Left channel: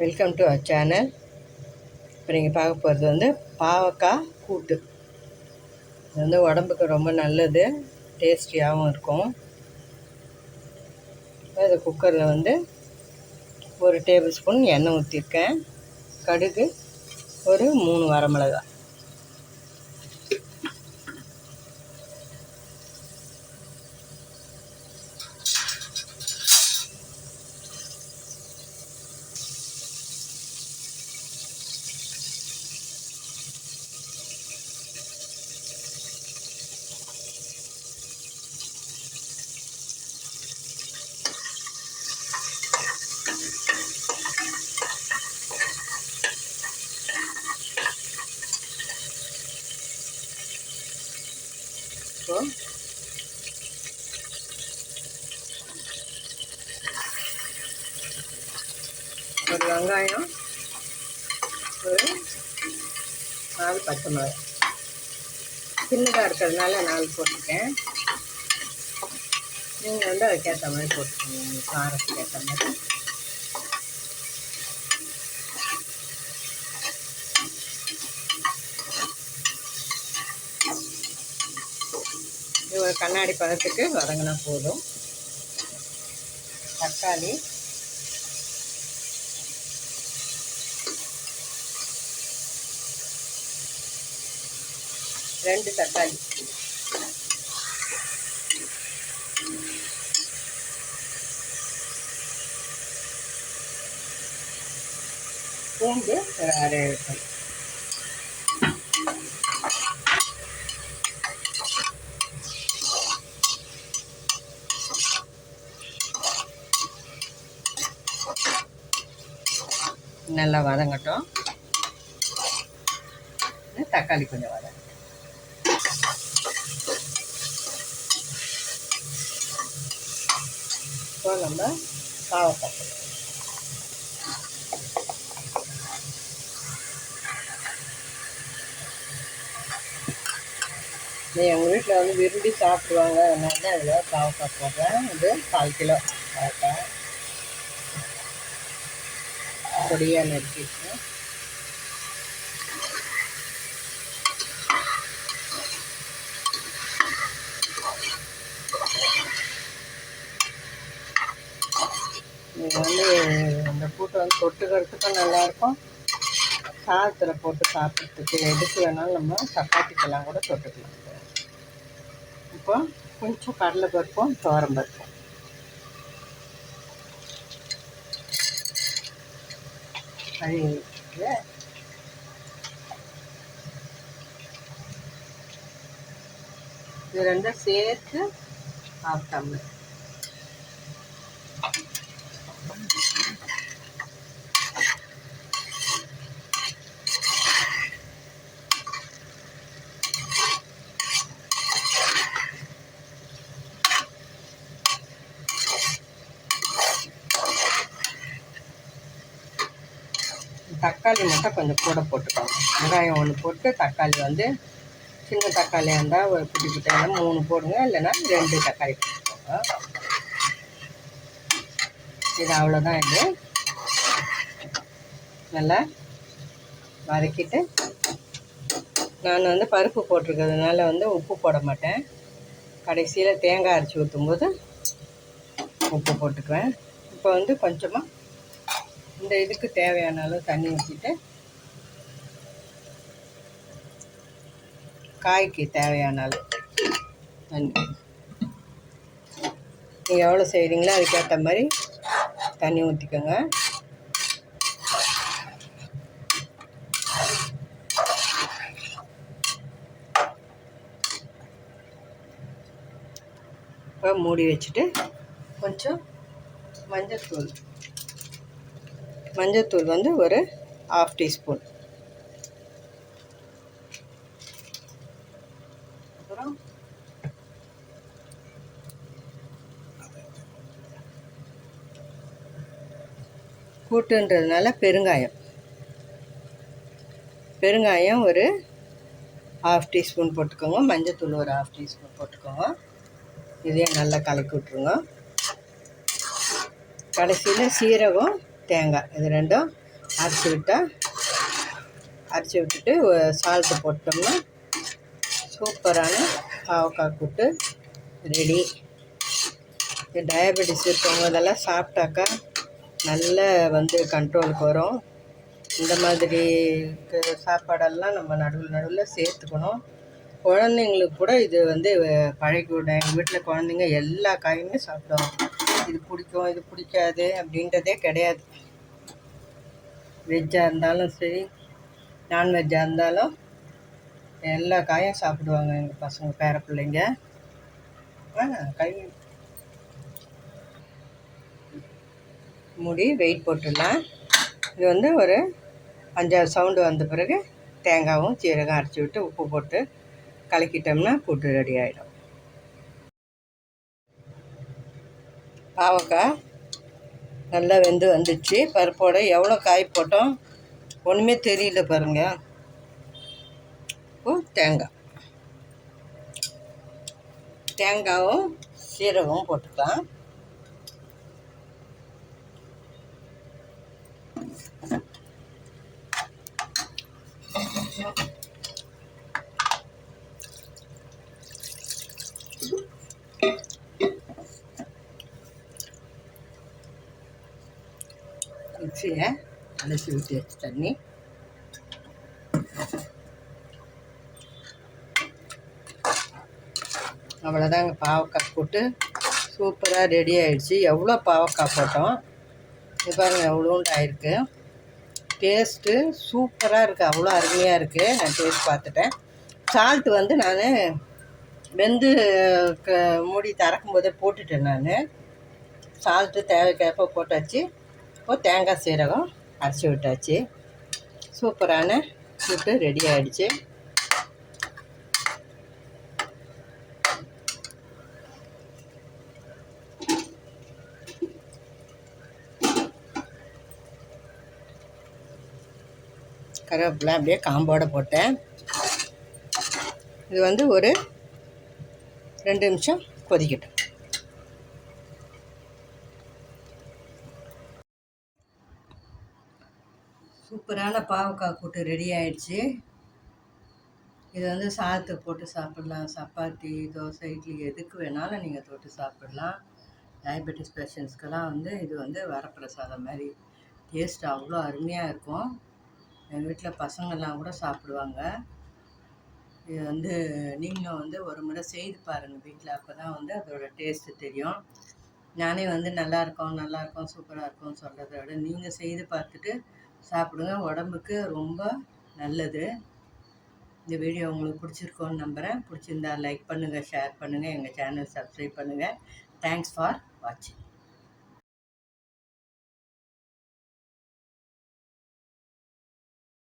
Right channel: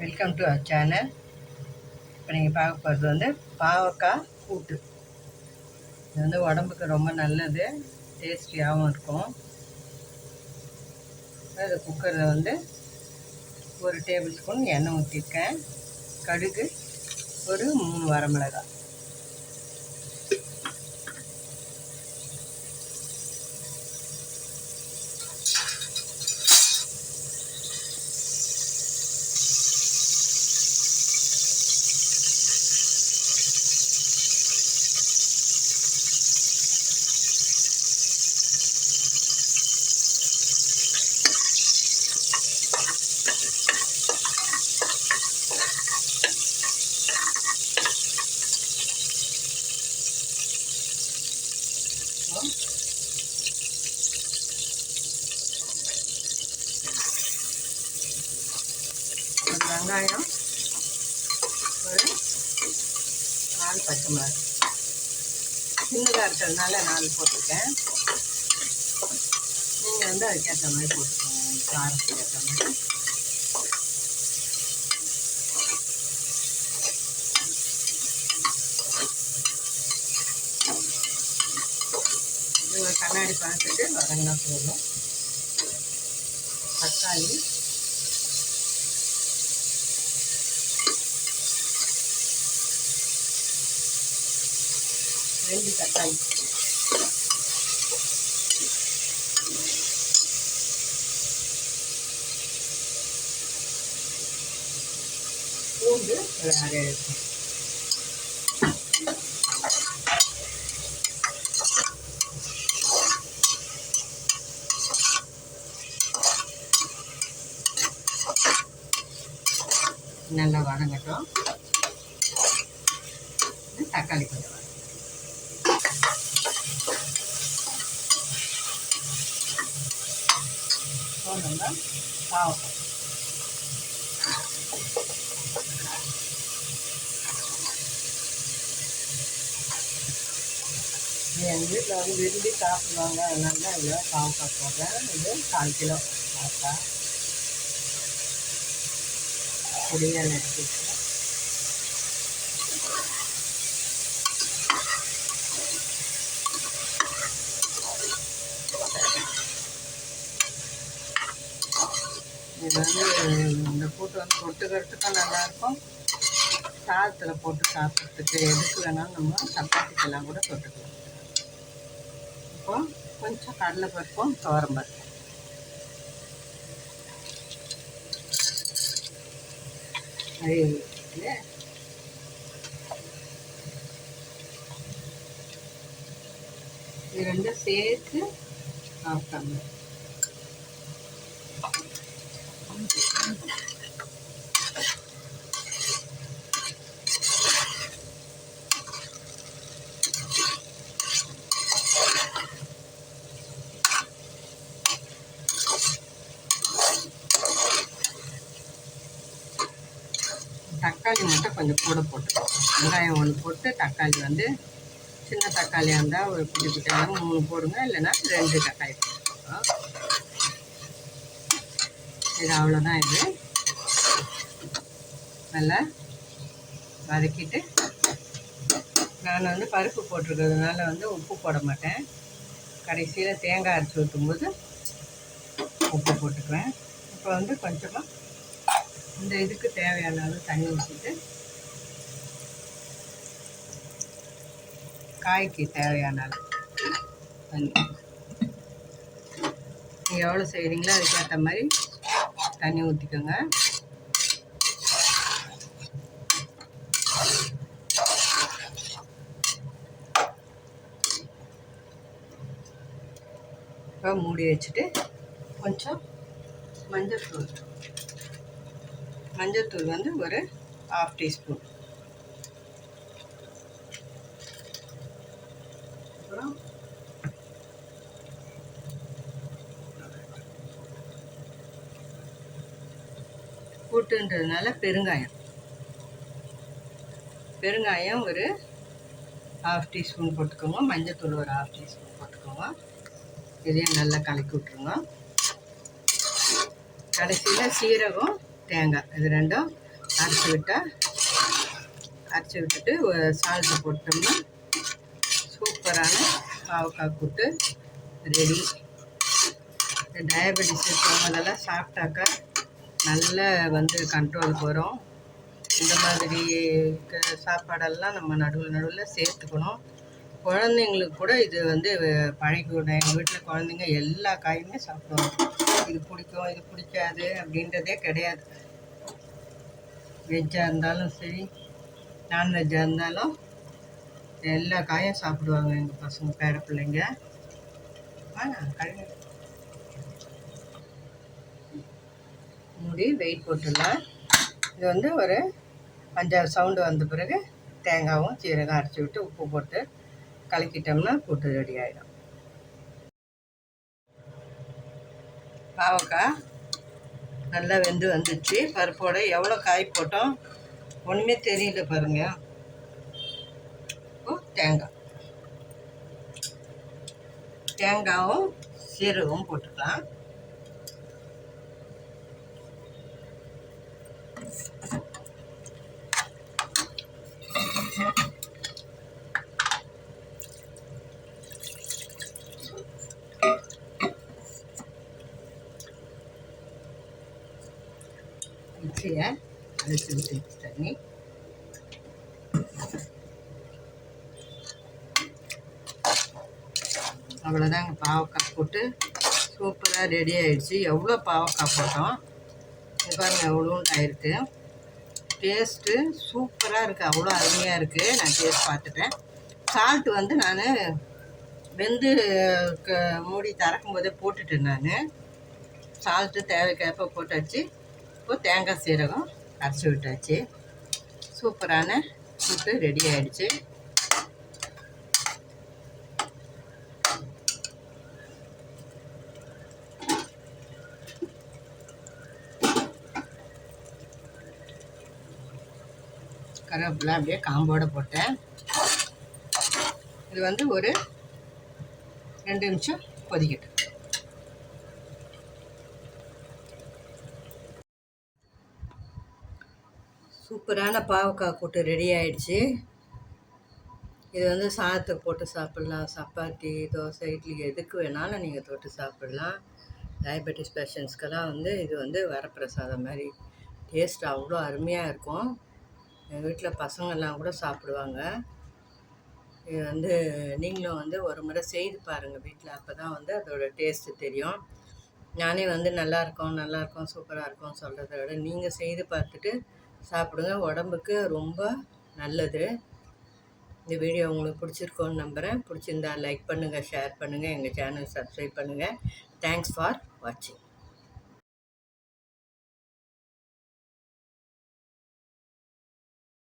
Welcome to our channel. இப்போ நீங்கள் பார்க்க போகிறது வந்து பாவக்காய் கூட்டு. இது வந்து உடம்புக்கு ரொம்ப நல்லது, டேஸ்டியாகவும் இருக்கும். அது குக்கரில் வந்து 1 டேபிள் ஸ்பூன் எண்ணெய் ஊற்றிருக்கேன். கடுகு, ஒரு 3 வரமிளகாய். ஒரு வெங்காயம், ஒரு 4 பச்சை மிளகாய். சின்னதாக இருக்கிறதுனால 4 போட்டிருக்கேன். நீங்கள் வந்து அதுக்கேற்ற மாதிரி போட்டுக்கோங்க, காரத்துக்கு ஏற்ற மாதிரி. இது ஒரு கண்ணாடி பதத்துக்கு வதங்கினா போதும். தக்காளி, ரெண்டு தக்காளி, பூண்டு ஒரு அரை இருக்கும். நல்லா வதங்கட்டும். தக்காளி கொஞ்சம் வதங்க. இப்போ நம்ம பாவக்காய், எங்கள் வீட்டில் வந்து விரும்பி சாப்பிடுவாங்க, அதனால தான் இதில் பாவக்காய் போடுறேன். இது 1/4 கிலோ பாவக்காய் பொடியாக நறுக்கிடுறேன். இது வந்து இந்த கூட்டை வந்து தொட்டுக்கிறதுக்கும் நல்லாயிருக்கும், சாதத்தில் போட்டு சாப்பிட்றதுக்கு, எதுக்கு வேணாலும் நம்ம சப்பாத்திக்கெல்லாம் கூட தொட்டுக்கலாம். இப்போ கொஞ்சம் கடலை பருப்பும் துவரம் பருப்பும், அது இது ரெண்டும் சேர்த்து 1/2 டம்ளர். தக்காளி மட்டும் கொஞ்சம் கூட போட்டுக்கோங்க. வெங்காயம் 1 போட்டு, தக்காளி வந்து சின்ன தக்காளியாக இருந்தால் ஒரு குட்டி குட்டியாக 3 போடுங்க, இல்லைன்னா 2 தக்காளி போட்டுக்கோங்க. இது அவ்வளோதான். இது நல்லா வதக்கிட்டு, நான் வந்து பருப்பு போட்டிருக்கிறதுனால வந்து உப்பு போட மாட்டேன். கடைசியில் தேங்காய் அரைச்சி ஊற்றும்போது உப்பு போட்டுக்குவேன். இப்போ வந்து கொஞ்சமாக இந்த இதுக்கு தேவையான அளவு தண்ணி ஊற்றிட்டு, காய்க்கு தேவையான அளவு தண்ணி, நீங்கள் எவ்வளோ செய்கிறீங்களோ அதுக்கேற்ற மாதிரி தண்ணி ஊற்றிக்கோங்க. இப்போ மூடி வச்சுட்டு கொஞ்சம் மஞ்சத்தூள் வந்து ஒரு 1/2 டீஸ்பூன், அப்புறம் கூட்டுன்றதுனால பெருங்காயம் ஒரு 1/2 டீஸ்பூன் போட்டுக்கோங்க. மஞ்சத்தூள் ஒரு 1/2 டீஸ்பூன் போட்டுக்கோங்க. இதையும் நல்லா கலக்கி விட்ருங்க. கடைசியில் சீரகம், தேங்காய் இது ரெண்டும் அரைச்சி விட்டுட்டு சால்ட்டு போட்டோம்னா சூப்பரான பாவக்காய் கூட்டு ரெடி. இந்த டயபெட்டிஸ் இருக்கவங்க இதெல்லாம் சாப்பிட்டாக்கா நல்ல கண்ட்ரோலுக்கு வரும். இந்த மாதிரி சாப்பாடெல்லாம் நம்ம நடுவில் சேர்த்துக்கணும். குழந்தைங்களுக்கு கூட இது பழகிவிடும். எங்கள் வீட்டில் குழந்தைங்க எல்லா காயுமே சாப்பிடுவாங்க. இது பிடிக்கும் இது பிடிக்காது அப்படின்றதே கிடையாது. வெஜ்ஜாக இருந்தாலும் சரி, நான்வெஜ்ஜாக இருந்தாலும் எல்லா காயும் சாப்பிடுவாங்க எங்கள் பசங்க பேர பிள்ளைங்க. கழுவி மூடி வெயிட் போட்டுடலாம். இது ஒரு 5-6 சவுண்டு வந்த பிறகு தேங்காயும் சீரகம் அரைச்சி விட்டு உப்பு போட்டு கலக்கிட்டோம்னா கூட்டு ரெடி ஆகிடும். பாவக்காய் நல்லா வெந்து வந்துடுச்சு. பருப்போடு எவ்வளோ காய் போட்டோம் ஒன்றுமே தெரியல பாருங்கள். தேங்காயும் சீரகமும் போட்டுக்கலாம். மிக்சியை அலசி விட்டு தண்ணி அவ்வளோதாங்க. பாவக்காய் போட்டு சூப்பராக ரெடி ஆகிடுச்சு. எவ்வளோ பாவக்காய் போட்டோம் இது பாருங்கள், எவ்வளோண்டு ஆயிருக்கு. டேஸ்ட்டு சூப்பராக இருக்குது, அவ்வளோ அருமையாக இருக்குது. நான் டேஸ்ட் பார்த்துட்டேன். சால்ட்டு நான் வெந்து மூடி திறக்கும் போதே போட்டுட்டேன். நான் சால்ட்டு தேவைக்கேற்ப போட்டாச்சு. இப்போது தேங்காய் சீரகம் அரைச்சி விட்டாச்சு. சூப்பரான கூட்டு ரெடி ஆகிடுச்சு. கருவேப்பிலை அப்படியே காம்போடு போட்டேன். இது ஒரு 2 நிமிஷம் கொதிக்கட்டும். சூப்பரான பாவக்காய் கூட்டு ரெடி ஆகிடுச்சு. இது சாதத்தை போட்டு சாப்பிட்லாம். சப்பாத்தி, தோசை, இட்லி எதுக்கு வேணாலும் நீங்கள் தொட்டு சாப்பிட்லாம். டயபெட்டிஸ் பேஷண்ட்ஸ்க்கெல்லாம் இது வரப்பிரசாதம் மாதிரி. டேஸ்ட் அவ்வளோ அருமையாக இருக்கும். எங்கள் வீட்டில் பசங்கள்லாம் கூட சாப்பிடுவாங்க. இது நீங்களும் ஒரு முறை செய்து பாருங்கள் வீட்டில். அப்போ தான் அதோட டேஸ்ட்டு தெரியும். நானே நல்லாயிருக்கும் சூப்பராக இருக்கும்னு சொல்கிறத விட நீங்கள் செய்து பார்த்துட்டு சாப்பிடுங்க. உடம்புக்கு ரொம்ப நல்லது. இந்த வீடியோ உங்களுக்கு பிடிச்சிருக்கோன்னு நம்புகிறேன். பிடிச்சிருந்தா லைக் பண்ணுங்கள், ஷேர் பண்ணுங்கள், எங்கள் சேனல் சப்ஸ்கிரைப் பண்ணுங்கள். தேங்க்ஸ் ஃபார் வாட்சிங்.